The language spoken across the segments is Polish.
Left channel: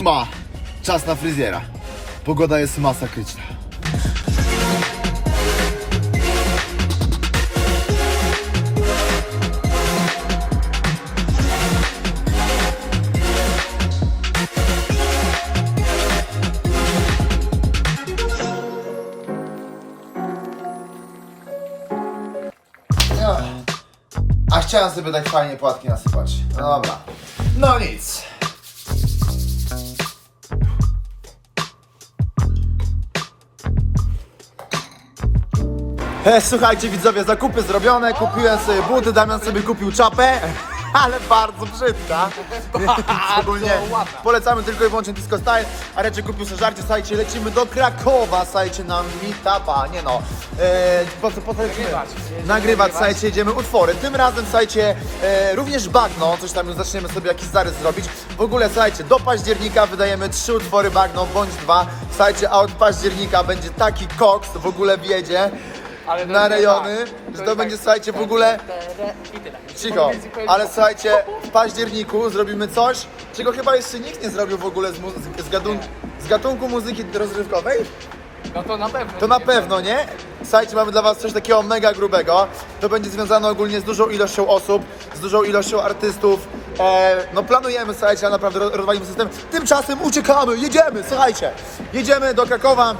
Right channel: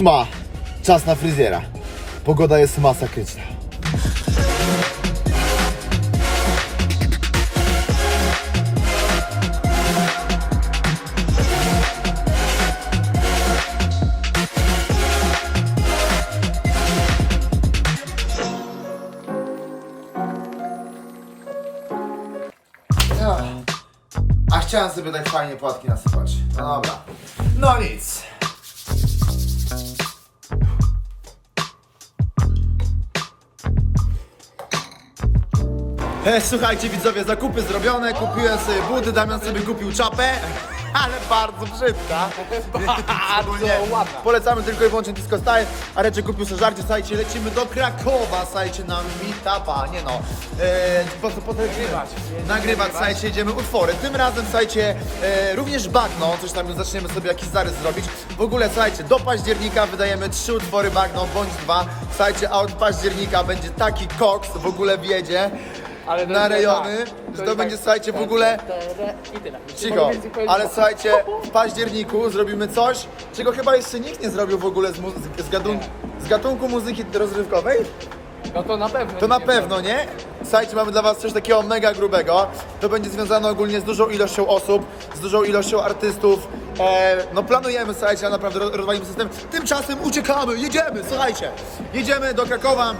ósma. Czas na fryzjera. Pogoda jest masakryczna. A chciałem sobie tak fajnie płatki nasypać. No dobra. No nic. E, słuchajcie widzowie, zakupy zrobione, kupiłem sobie buty, Damian sobie kupił czapę, ale bardzo brzydka. Ogólnie polecamy tylko i wyłącznie Disco Style, a Reczy kupił sobie żarcie, słuchajcie, lecimy do Krakowa, słuchajcie, na meetupa, nie no, e, po co, po co lecimy? Nagrywać, słuchajcie, jedziemy utwory, tym razem, słuchajcie, e, również bagno, coś tam już zaczniemy sobie jakiś zarys zrobić, w ogóle, słuchajcie, do października wydajemy trzy utwory bagno, bądź dwa, słuchajcie, a od października będzie taki koks, w ogóle wiedzie, Ale na rejony, tak. że To będzie, tak. słuchajcie, w ogóle I tyle. cicho, ale ci. słuchajcie, w październiku zrobimy coś, czego chyba jeszcze nikt nie zrobił w ogóle z, mu- z, gatunku, z gatunku muzyki rozrywkowej. No to na pewno. To na pewno, nie? Słuchajcie, mamy dla was coś takiego mega grubego. To będzie związane ogólnie z dużą ilością osób, z dużą ilością artystów. E, no planujemy, słuchajcie, a naprawdę ro- rozwalimy system. Tymczasem uciekamy, jedziemy, słuchajcie. Jedziemy do Krakowa.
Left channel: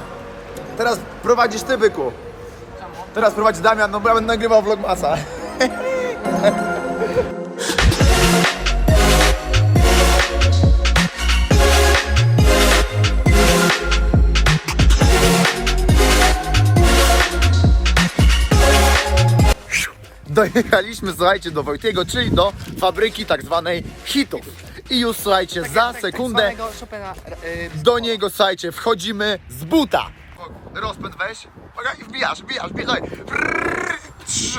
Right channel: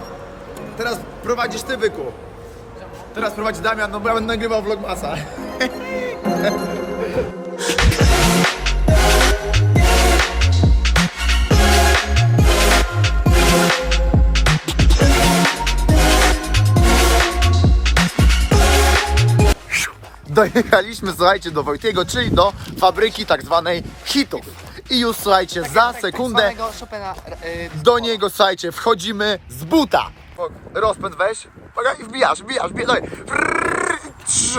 Teraz prowadzisz ty, byku. Teraz prowadzi Damian, no bo ja będę nagrywał vlogmasa. Dojechaliśmy, słuchajcie, do Wojtiego, czyli do fabryki tak zwanej hitów. I już, słuchajcie, za sekundę Chopina, y, do niego, słuchajcie, wchodzimy z buta. Rozpęd weź, i wbijasz, wbijasz, wbijasz, dawaj. Frrrr, trz.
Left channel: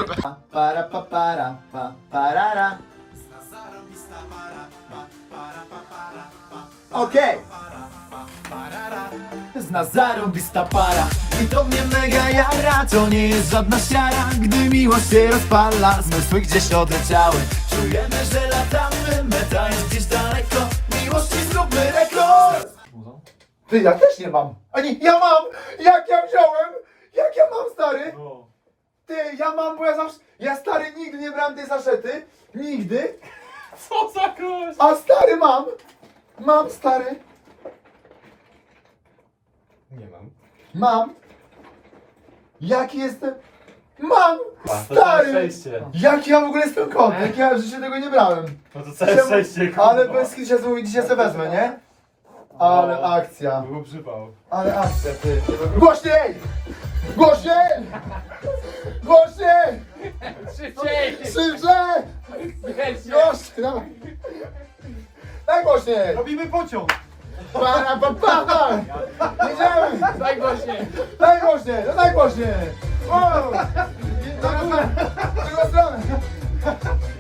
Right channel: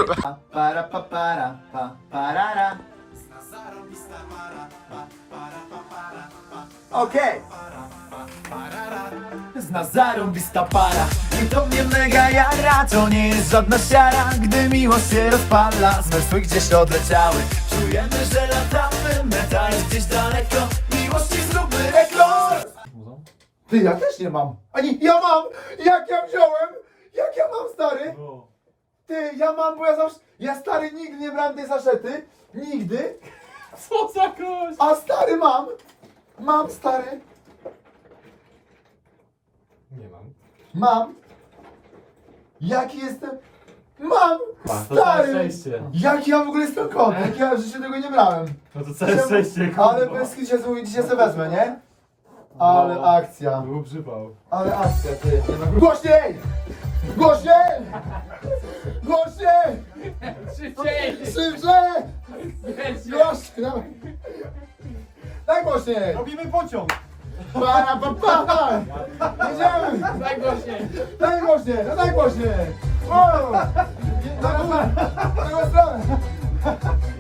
Para pa para pa parara. Okej. Zna zarąbista para I to mnie mega jara To nie jest żadna siara Gdy miłość się rozpala Zmysły gdzieś odleciały Czujemy, że latamy Meta jest gdzieś daleko Miłości zróbmy rekord Ty, ja też nie mam. Ani, ja mam! Jak ja wziąłem? Jak ja mam, stary? Ty, ja mam, bo ja zawsze, ja stary nigdy nie brałem tej saszety. Nigdy. Co za gość? A stary mam. Mam, stary. Nie mam. Mam. Jaki jestem? Mam! to całe Stary! szczęście. Jaki ja w ogóle jestem kotek? Ja w życiu tego nie brałem. No to całe szczęście, kurwa. Ale bez kitu się mówi, dzisiaj sobie wezmę, nie? Ale akcja. Był przypał. Ale akcja, ty. Głośniej! Głośniej! Głośniej! Szybciej! Szybciej! Głośniej! Dawaj. Daj głośniej! Robimy pociąg! Para, pa, pa, pa. Jedziemy! Daj głośniej! Daj głośniej! No daj głośniej! Wow! Na górę! Na drugą stronę!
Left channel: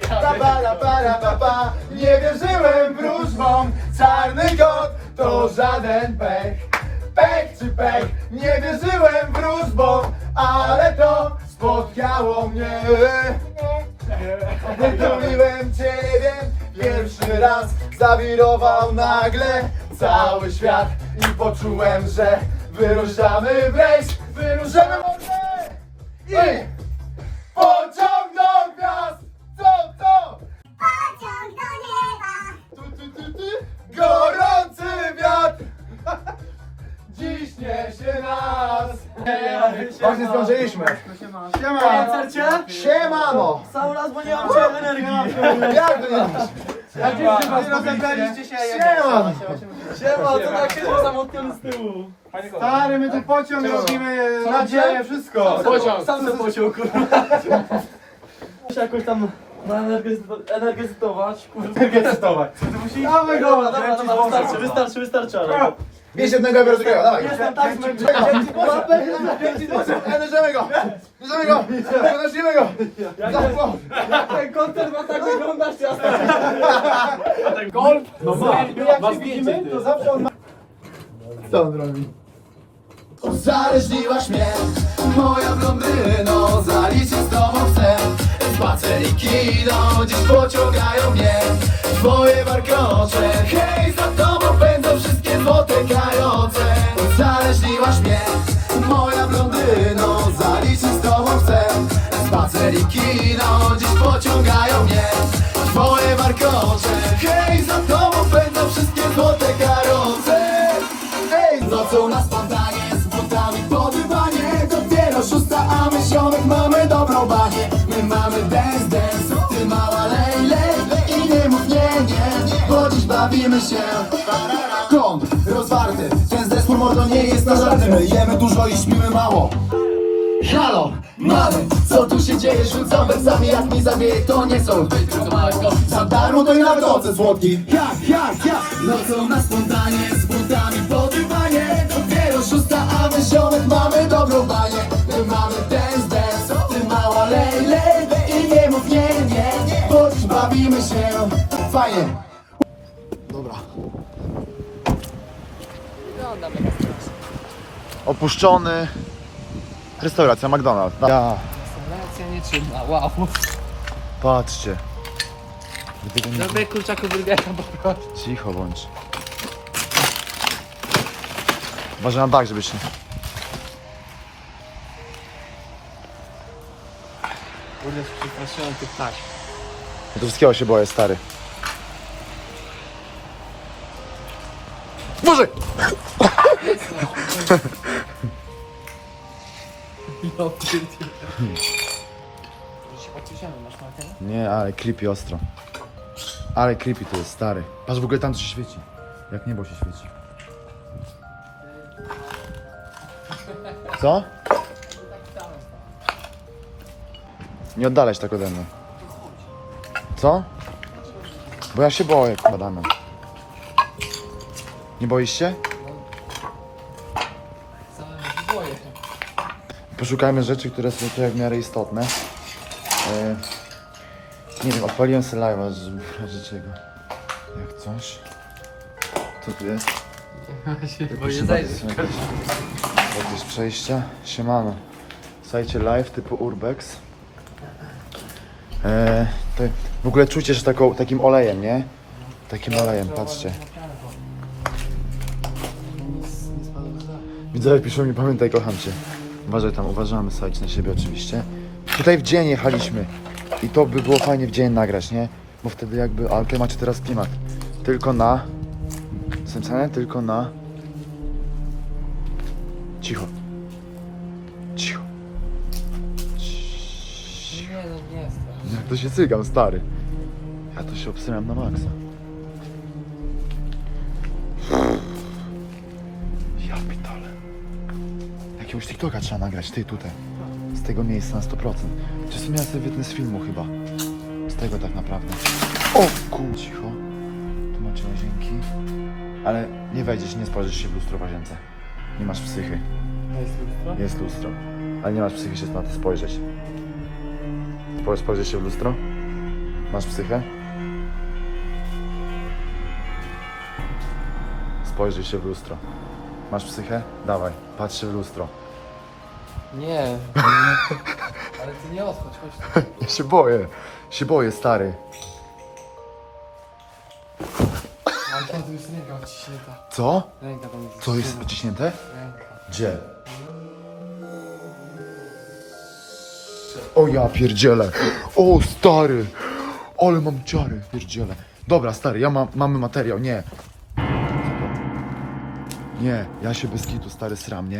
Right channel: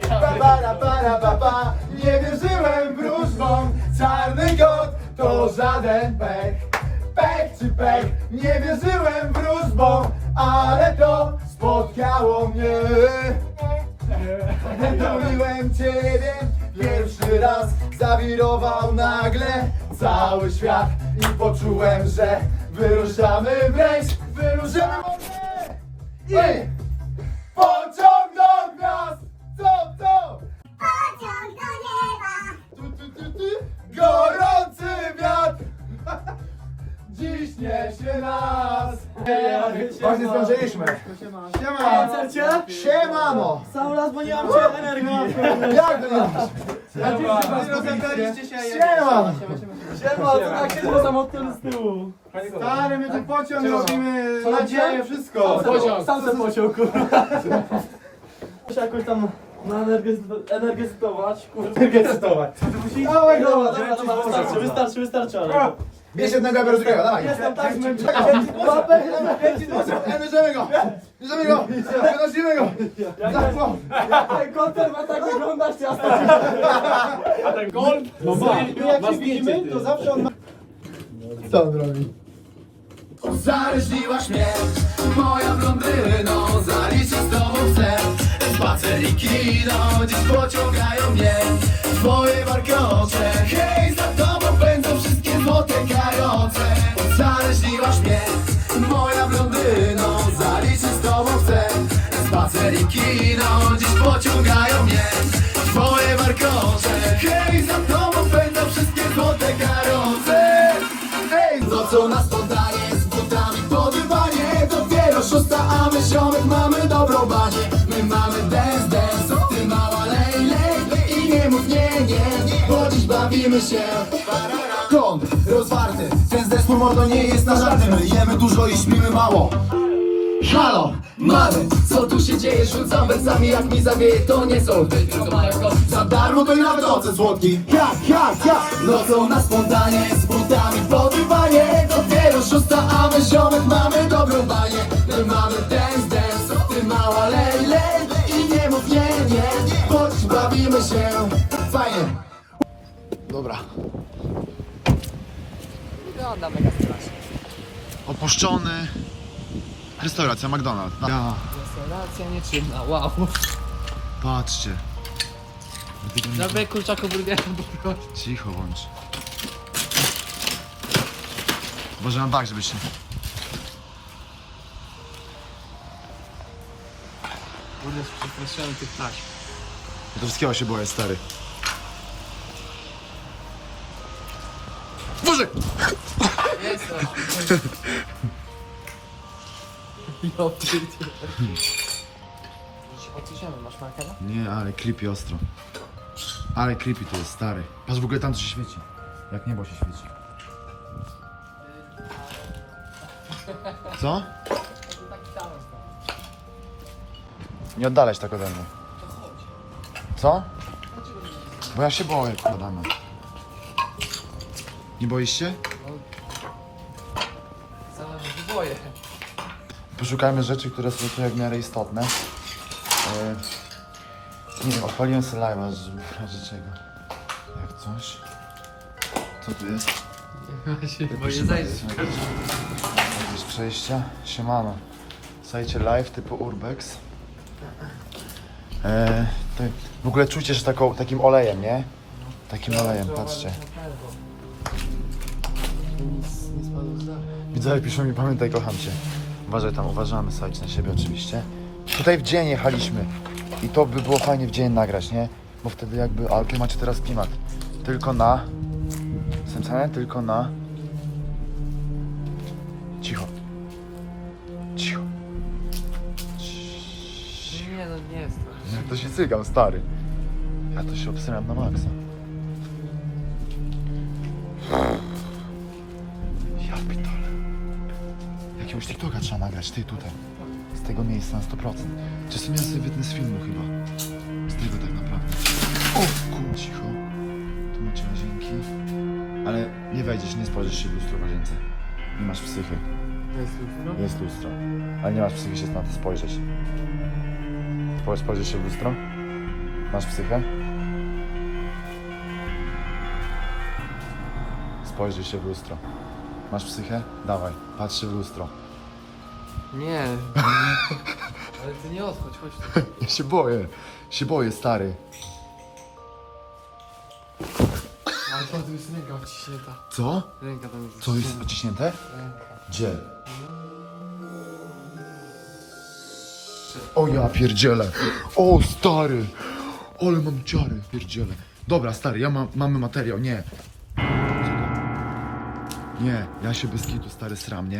Pa, para, para, pa, pa. Nie wierzyłem wróżbom Czarny kot to żaden pech. Pech czy pech Nie wierzyłem wróżbom Ale to spotkało mnie. Wytuliłem ciebie pierwszy raz Zawirował nagle cały świat I poczułem, że wyruszamy w rejs Wyruszamy w I Właśnie zdążyliśmy Siema Siemano Cały raz, bo nie mam cię energii Jak to nie masz? Rozebraliście się, Siema Siema, to takie zamotnione z tyłu Stary, my tu pociąg robimy, nadzieję, wszystko. Pociąg Sam ten pociąg, kurwa Muszę jakoś tam no, energetyz- energetyzować, kurwa Energetyzować. Dawaj, dobra, dobra, dobra, wystarczy, wystarczy, wystarczy, ale Bierz jednego, ja biorę drugiego, dawaj Jestem tak zmęczony Bierzemy go. Bierzemy go. Wynosimy go. Ten kontent ma tak wyglądać, jasno Masz zdjęcie, ty. zawsze on ma Co on robi? Zależniłaś mnie, moja blondyno Zaliczyć z tobą chcę. Spaceriki idą, dziś pociągają mnie. Twoje warkocze Hej, za tobą pędzą wszyscy złote karoce Uzależniłaś mnie Moja blondyno Zaliczyć z tobą chcę. Spacer i kino Dziś pociągają mnie Twoje warkocze Hej, za tobą będą wszystkie złote karoce Hej, nocą na spontanie Z butami po dywanie Dopiero szósta, a my ziomek mamy dobrą banie My mamy dance, dance Ty mała lej, lej I nie mów nie, nie Bo dziś bawimy się My jemy dużo i śpimy mało. Halo, mamy, co tu się dzieje? Rzucam wersami, jak mi zawieje, to nie są Za darmo to i nawet ocet słodki Jak, jak, jak, nocą na spontanie Z butami po dywanie Dopiero szósta, a my ziomek mamy dobrą banię. My mamy dance, dance, ty mała lej, lej I nie mów nie, nie, choć bawimy się. Fajnie. Dobra. Wygląda mega. Opuszczony. Restauracja McDonald's. Ja, Restauracja nie trzyma, wow. patrzcie. Nie... Zrobię kurczaku burgera, bo Cicho bądź. Uważaj na bak, żeby się... Kurde, przepraszam, ty ptaś. Ja to wszystkiego się boję, stary. Boże! No ty, ty. Już się masz? Nie, ale creepy ostro. Ale creepy tu jest, stary. Patrz w ogóle tam co się świeci. Jak niebo się świeci. Co? Nie oddalać tego do mnie. Co? Bo ja się boję, kładamy. Nie boisz się? Całe się boję. Poszukajmy rzeczy, które są tu jak w miarę istotne. E, nie wiem, odpaliłem sobie live'a, żeby razie czego. Jak coś. Co tu jest? Ja boję zajrzeć. Jakieś przejście. Siemano. Słuchajcie, live typu Urbex. E, w ogóle czujcie, że taką, takim olejem, nie? Takim olejem, patrzcie. Widzę, jak piszą, nie pamiętaj, kocham cię. Uważaj tam, uważamy serce na siebie oczywiście. Tutaj w dzień jechaliśmy i to by było fajnie w dzień nagrać, nie? Bo wtedy jakby, ale macie teraz klimat. Tylko na... Sensenie? Tylko na... Cicho. Cicho. Nie no, nie jest. Jak to się cygam, stary. Ja to się obsynam na maksa. Jakiegoś TikToka trzeba nagrać, ty tutaj. Z tego miejsca na 100%. Czy w sumie ja sobie wytnę z filmu chyba. Z tego tak naprawdę. O kur... Cicho. Tu macie łazienki. Ale nie wejdziesz, nie spojrzysz się w lustro w łazience. Nie masz psychy. Jest lustro? Jest lustro. Ale nie masz psychy się na to spojrzeć. Spoj- Spojrzysz się w lustro? Masz psychę? Spojrzyj się w lustro. Masz psychę? Dawaj, patrz się w lustro. Nie. Ale ty nie odchodź, chodź tu. Ja się boję. Się boję, stary. Ale tam tu jest ręka odciśnięta. Co? Ręka tam jest Co jest odciśnięta. wyciśnięte? Ręka. Gdzie? O ja pierdzielę. O stary. Ale mam ciary. Pierdzielę. Dobra, stary, ja mam, mamy materiał, nie. Nie, ja się bez kitu stary sram, nie?